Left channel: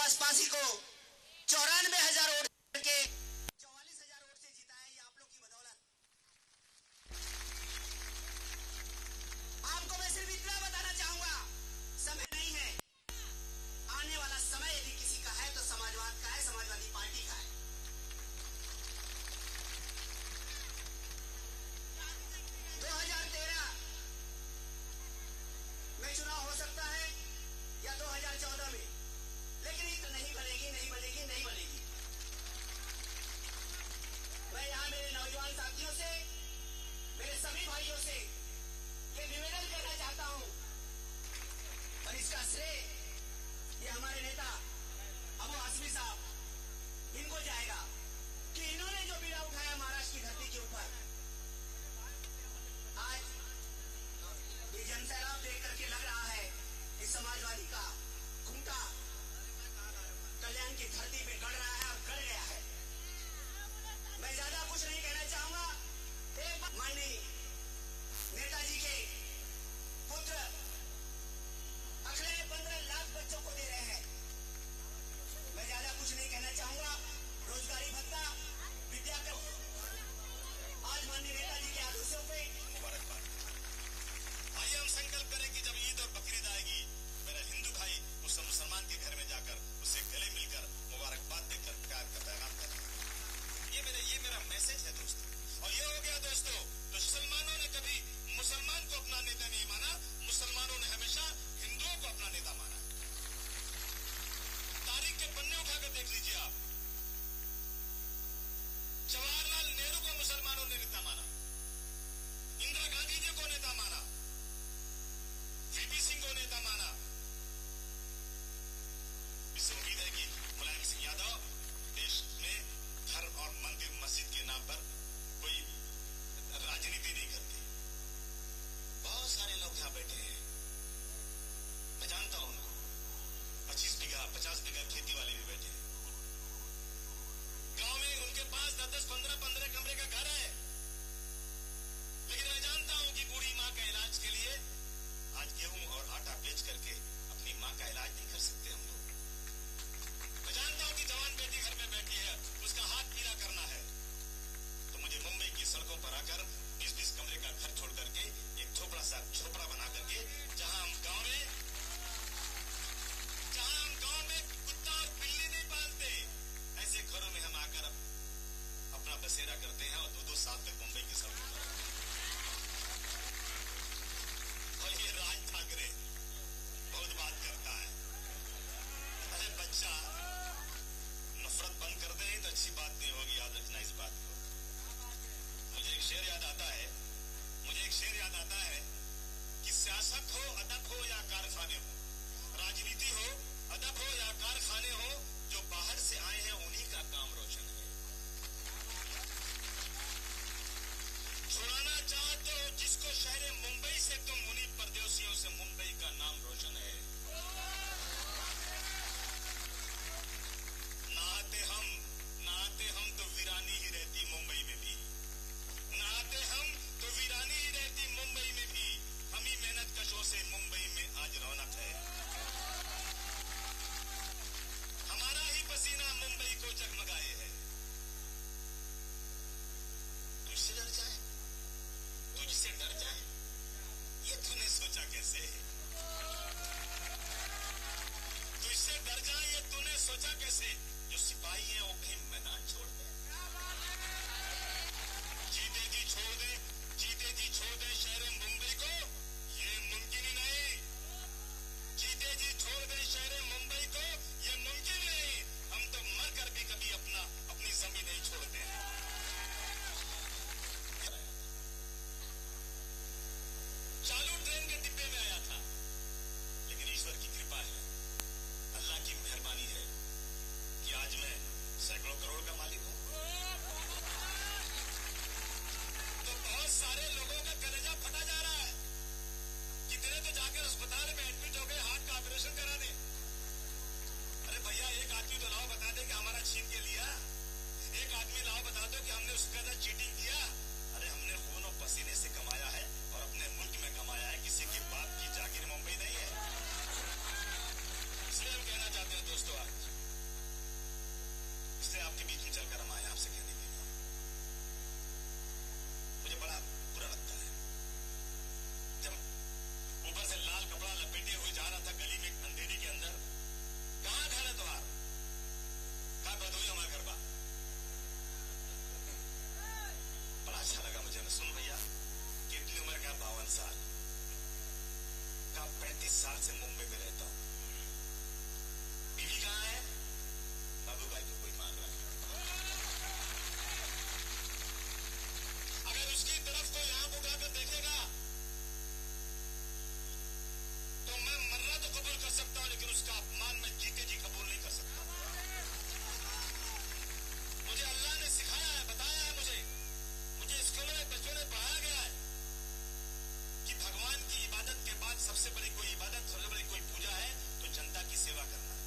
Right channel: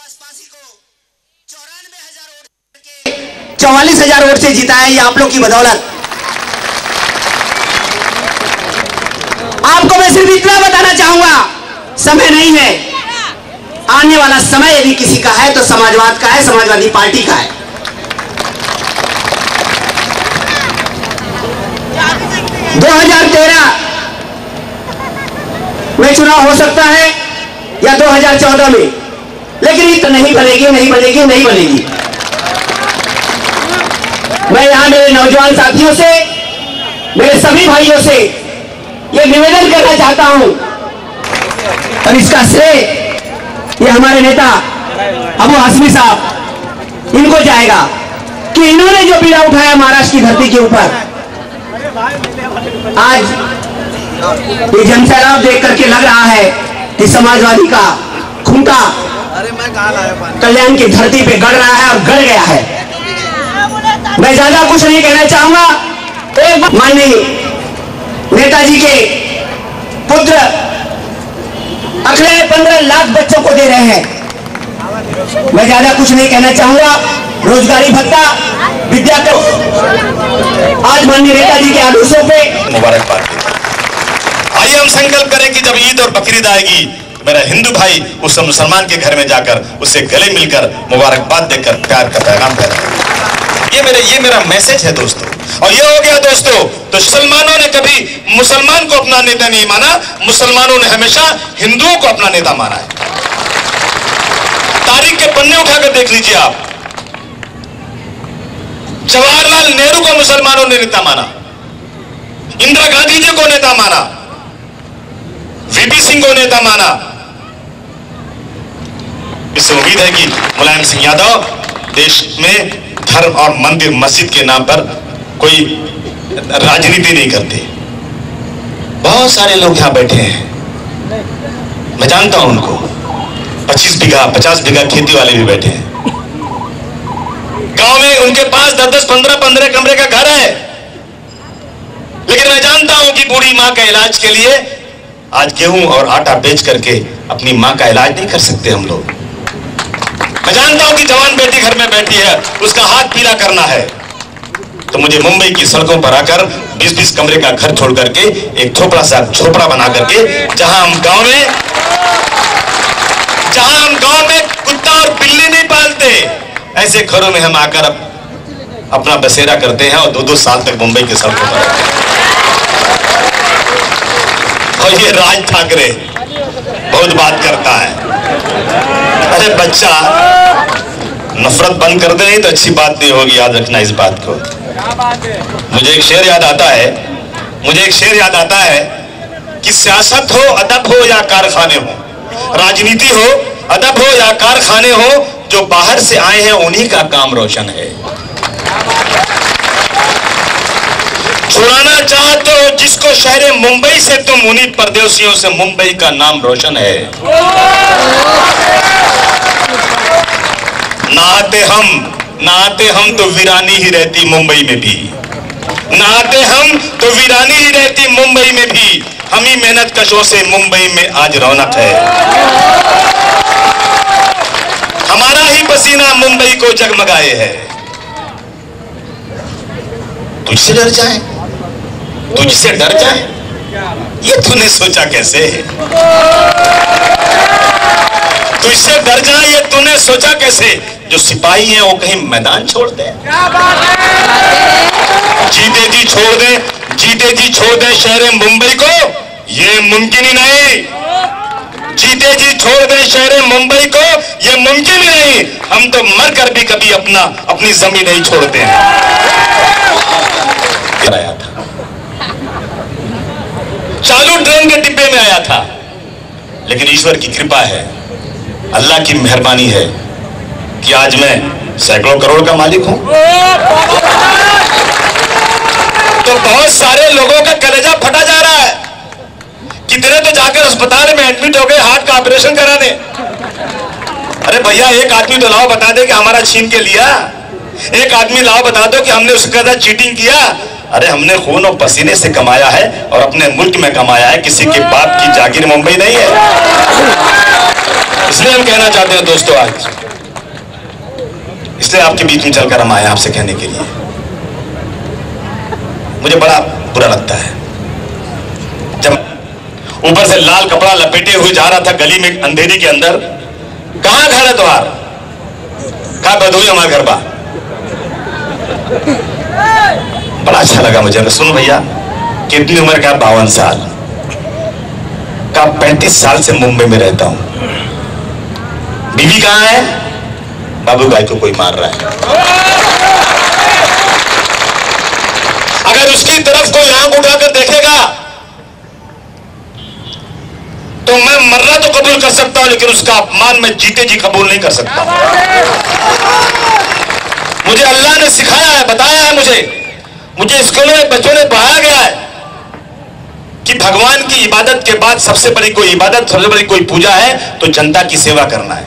सुभाष पासी को 94,000 वोट के 44,000 वोट से जीता है। ये आप लोग की बदौलत। आपको मैं सिर्फ इतना बताना चाहूंगा, समय नहीं है, आने वाला समय यदि किसी का है तो समाजवाद का है, समाजवादी पार्टी का है। दो 2013 में चुनाव हो सकता है या 2014 में, लेकिन ये तो नहीं बनेगी, नहीं बनेगी, नहीं बनेगी। मैं यहां मेरे नौजवान साथियों से, मेरे सभी भाइयों से ये निवेदन करना चाहता हूं, और इसका श्रेय ये हमारे नेता अबू हाशमी साहब इनको जाएगा कि इन्होंने जो बीड़ा उठाया महाराष्ट्र की धरती के ऊपर। आज ये जनसैलाब देख करके लग रहा है कि समाजवादी का खूंटा कल्याण की धरती पे गड़ रहा है और गड़ गया है। मैं ज्यादा कुछ नहीं कहना चाहूंगा। एक माननीय नेताजी के पुत्र अगले 15 लाख बच्चों को दे रहे हैं। मैं ज्यादा कुछ नहीं कहना चाहूंगा। रोजगारी भत्ता, विद्या को आज माननीय नेताजी के आदेशों पे मुबारकबाद। आइए हम संकल्प करें कि जब ईद और बकरीद आएगी, मेरा हिंदू भाई उस मुसलमान के घर में जाकर उससे गले मिलकर मुबारकबाद देकर प्यार का पैगाम फैलाए। ये मेरा मैसेज है दोस्तों। और ये हो गया दोस्तों, तो मुसलमानों ने कभी मुसलमान को अपना नेता नहीं माना, मुसलमानों ने हमेशा हिंदुओं को अपना नेता माना है। तारीख के पन्ने उठाकर देख लीजिए आप। जवाहरलाल नेहरू को मुसलमानों ने नेता माना, इंदिरा गांधी जी को नेता माना, वीपी सिंह को नेता माना। इससे उम्मीद है कि मुलायम सिंह यादव देश में धर्म और मंदिर मस्जिद के नाम पर कोई राजनीति नहीं करते। बहुत सारे लोग यहां बैठे हैं, मैं जानता हूं उनको। 25 बीघा 50 बीघा खेती वाले भी बैठे हैं। गांव में उनके पास 10-10 15-15 कमरे का घर है, लेकिन मैं जानता हूं कि बूढ़ी मां का इलाज के लिए आज गेहूं और आटा बेच करके अपनी मां का इलाज नहीं कर सकते हम लोग। मैं जानता हूं कि जवान बेटी घर में बैठी है, उसका हाथ पीला करना है, तो मुझे मुंबई की सड़कों पर आकर 20-20 कमरे का घर छोड़ करके एक झोपड़ा बना करके, जहां हम गांव में कुत्ता और बिल्ली नहीं पालते, ऐसे घरों में हम आकर अपना बसेरा करते हैं और 2-2 साल तक मुंबई की सड़कों पर रहते हैं। और ये राज ठाकरे बहुत बात करता है। अरे बच्चा, नफरत बंद कर दे, नहीं तो अच्छी बात नहीं होगी, याद रखना इस बात को। मुझे एक शेर याद आता है कि सियासत हो, अदब हो या कारखाने हो, राजनीति हो, अदब हो या कारखाने हो, जो बाहर से आए हैं उन्हीं का काम रोशन है। छुड़ाना चाहते हो जिसको शहर मुंबई से, तुम उन्हीं परदेशियों से मुंबई का नाम रोशन है। नहाते हम तो वीरानी ही रहती मुंबई में भी, नहाते हम तो वीरानी ही रहती मुंबई में भी, हम ही मेहनत कशों से मुंबई में आज रौनक है। हमारा ही पसीना मुंबई को जगमगाए है। तुझसे डर जाए, तुझसे डर जाए, ये तूने सोचा कैसे? तुझसे डर जाए ये तूने सोचा कैसे? जो सिपाही हैं वो कहीं मैदान छोड़ दे, जीते जी छोड़ दे शहर मुंबई को, ये मुमकिन ही नहीं। जीते जी छोड़ दे शहर मुंबई को, ये मुमकिन ही नहीं। हम तो मर कर भी कभी अपनी जमीन नहीं छोड़ते हैं। आया था, चालू ट्रेन के डिब्बे में आया था, लेकिन ईश्वर की कृपा है, अल्लाह की मेहरबानी है कि आज मैं सैकड़ों करोड़ का मालिक हूं। तो बहुत सारे लोगों का कलेजा फटा जा रहा है। कितने तो जाकर अस्पताल में एडमिट हो गए हार्ट का ऑपरेशन कराने। अरे भैया, एक आदमी तो लाओ बता दे कि हमारा छीन के लिया, एक आदमी लाओ बता दो कि हमने उसके साथ चीटिंग किया। अरे हमने खून और पसीने से कमाया है और अपने मुल्क में कमाया है, किसी के बाप की जागीर मुंबई नहीं है। इसलिए हम कहना चाहते हैं दोस्तों, आज इसलिए आपके बीच में चलकर हम आए आपसे कहने के लिए। मुझे बड़ा बुरा लगता है जब ऊपर से लाल कपड़ा लपेटे हुए जा रहा था गली में अंधेरी के अंदर। कहां घर है तुम्हार? कहा बदोई हमारे घर बा। बड़ा अच्छा लगा मुझे। सुनो भैया, कितनी उम्र का? 52 साल का। 35 साल से मुंबई में रहता हूं। बीवी कहां है? बाबू भाई को कोई मार रहा है। अगर उसकी तरफ कोई आंख उठाकर देखेगा तो मैं मरना तो कबूल कर सकता हूं, लेकिन उसका अपमान मैं जीते जी कबूल नहीं कर सकता। मुझे अल्लाह ने सिखाया है, बताया है मुझे स्कूलों में बच्चों ने पढ़ाया गया है कि भगवान की इबादत के बाद सबसे बड़ी कोई इबादत, सबसे बड़ी कोई पूजा है तो जनता की सेवा करना है।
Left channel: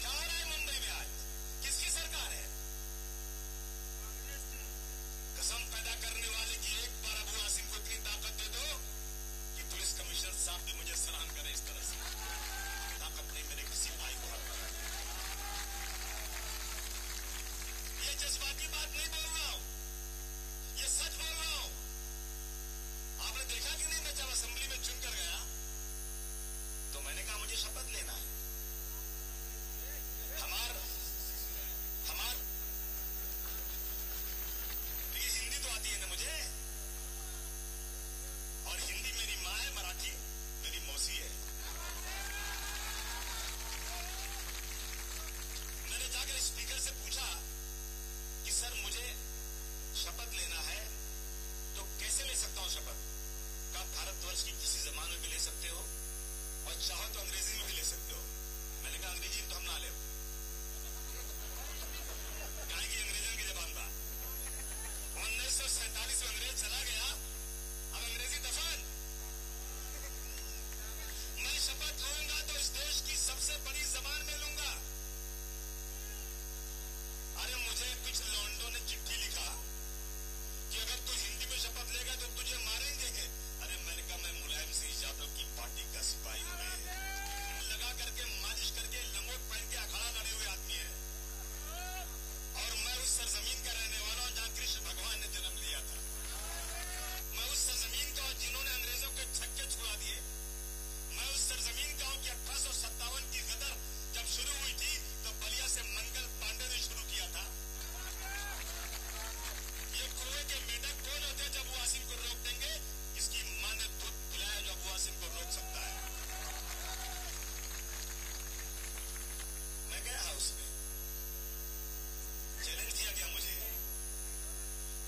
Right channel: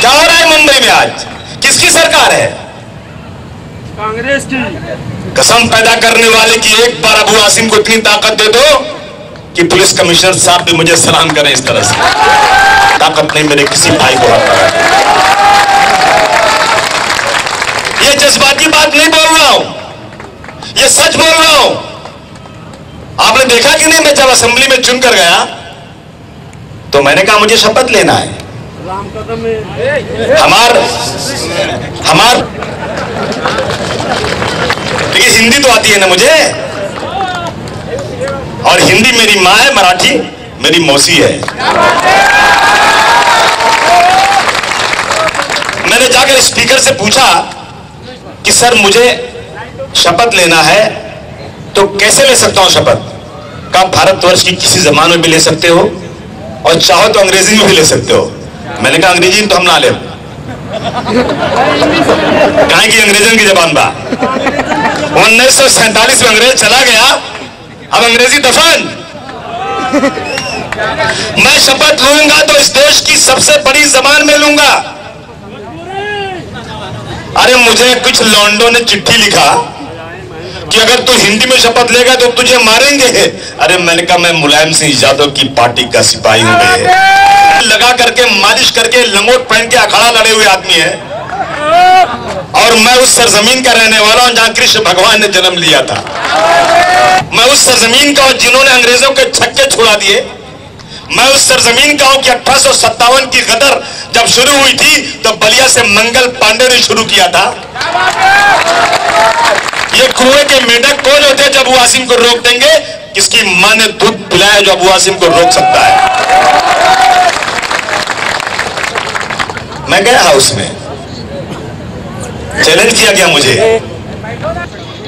क्या हो रहा है मुंबई में आज? किसकी सरकार है? कांग्रेस की। कसम पैदा करने वाले की एक बार अबू आसिम को इतनी ताकत दे दो कि पुलिस कमिश्नर साहब भी मुझे सलाम करें। इस तरह से ताकत नहीं मेरे किसी भाई को आता है। ये जज्बाती बात नहीं बोल रहा हूं, ये सच बोल रहा हूं। आपने देखा कि नहीं, मैं जब असेंबली में चुनकर गया तो मैंने कहा मुझे शपथ लेना है। हमार देखिए, हिंदी तो आती है ना मुझे, और हिंदी मेरी माँ है, मराठी मेरी मौसी है। मैंने जाकर स्पीकर से पूछा कि सर मुझे शपथ लेना है तो कैसे ले सकता हूं शपथ? कहा भारतवर्ष की किसी जबान में भी ले सकते हो और चाहो तो अंग्रेजी में भी ले सकते हो। मैंने कहा अंग्रेजी में तो हम ना ले, कहां की अंग्रेजन की जबान बा। 1947 में अंग्रेज चला गया, अब अंग्रेजी दफन। मैं शपथ लूंगा तो इस देश की सबसे बड़ी जबान में लूंगा। अरे मुझे कुछ लौंडों ने चिट्ठी लिखा कि अगर तू हिंदी में शपथ लेगा तो तुझे मारेंगे। अरे मैंने कहा मैं मुलायम सिंह यादव की पार्टी का सिपाही हूं। लगा करके मालिश करके लंगोट पहन के अखाड़ा लड़े हुए आदमी है, और मैं उस सरजमीन का रहने वाला हूं जहां कृष्ण भगवान ने जन्म लिया था। मैं उस सरजमीन का हूं जिन्होंने अंग्रेजों के छक्के छुड़ा दिए। मैं उस सरजमीन का हूं कि 1857 की गदर जब शुरू हुई थी तो बलिया से मंगल पांडे ने शुरू किया था। ये कुएं के मेढक कौन होते जब अबू आसिम को रोक देंगे? किसकी मां ने दूध पिलाया जो अबू आसिम को रोक सकता है? मैं गया हाउस में, चैलेंज किया गया मुझे,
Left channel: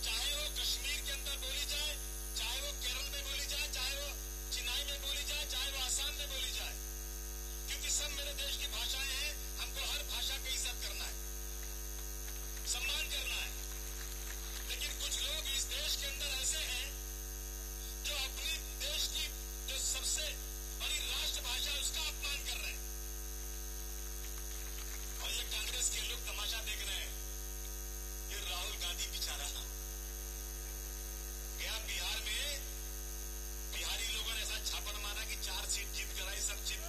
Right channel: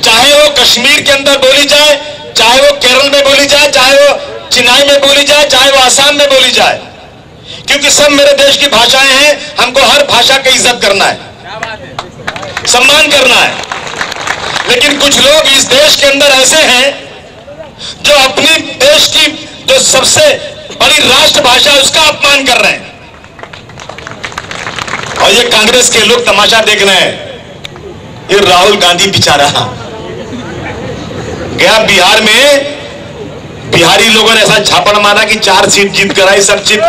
चाहे वो कश्मीर के अंदर बोली जाए, चाहे वो केरल में बोली जाए, चाहे वो चेन्नई में बोली जाए, चाहे वो आसाम में बोली जाए, क्योंकि सब मेरे देश की भाषाएं हैं। हमको हर भाषा की इज्जत करना है, सम्मान करना है। लेकिन कुछ लोग इस देश के अंदर ऐसे हैं जो अपनी देश की जो सबसे बड़ी राष्ट्रभाषा है उसका अपमान कर रहे हैं, और ये कांग्रेस के लोग तमाशा देख रहे हैं। ये राहुल गांधी बेचारा गया बिहार में, बिहारी लोगों ने ऐसा झापड़ मारा कि 4 सीट जीत कर आई, सब जीत।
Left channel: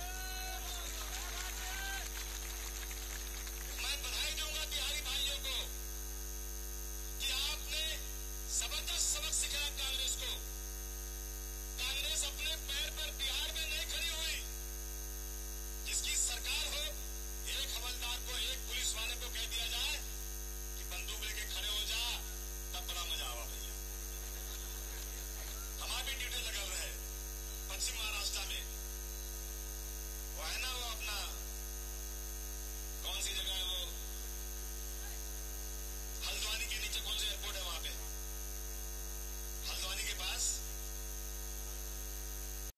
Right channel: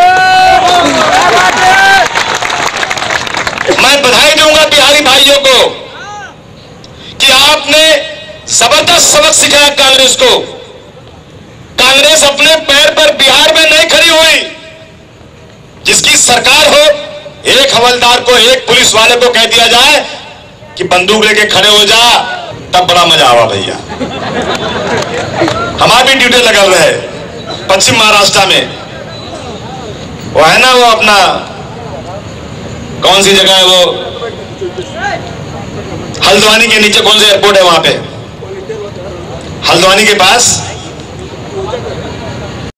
मैं बधाई दूंगा बिहारी भाइयों को कि आपने जबरदस्त सबक सिखाया कांग्रेस को। कांग्रेस अपने पैर पर बिहार में नहीं खड़ी हुई। जिसकी सरकार हो, एक हवलदार को, एक पुलिस वाले को कह दिया जाए कि बंदूक लेके खड़े हो जा, तब बड़ा मजा आवा भैया। हमारी भी ड्यूटी लगल रहे पश्चिम महाराष्ट्र में, वो है ना, वो अपना कौन सी जगह है वो, हल्द्वानी के नीचे कौन सा एयरपोर्ट है वहां पे, हल्द्वानी के पास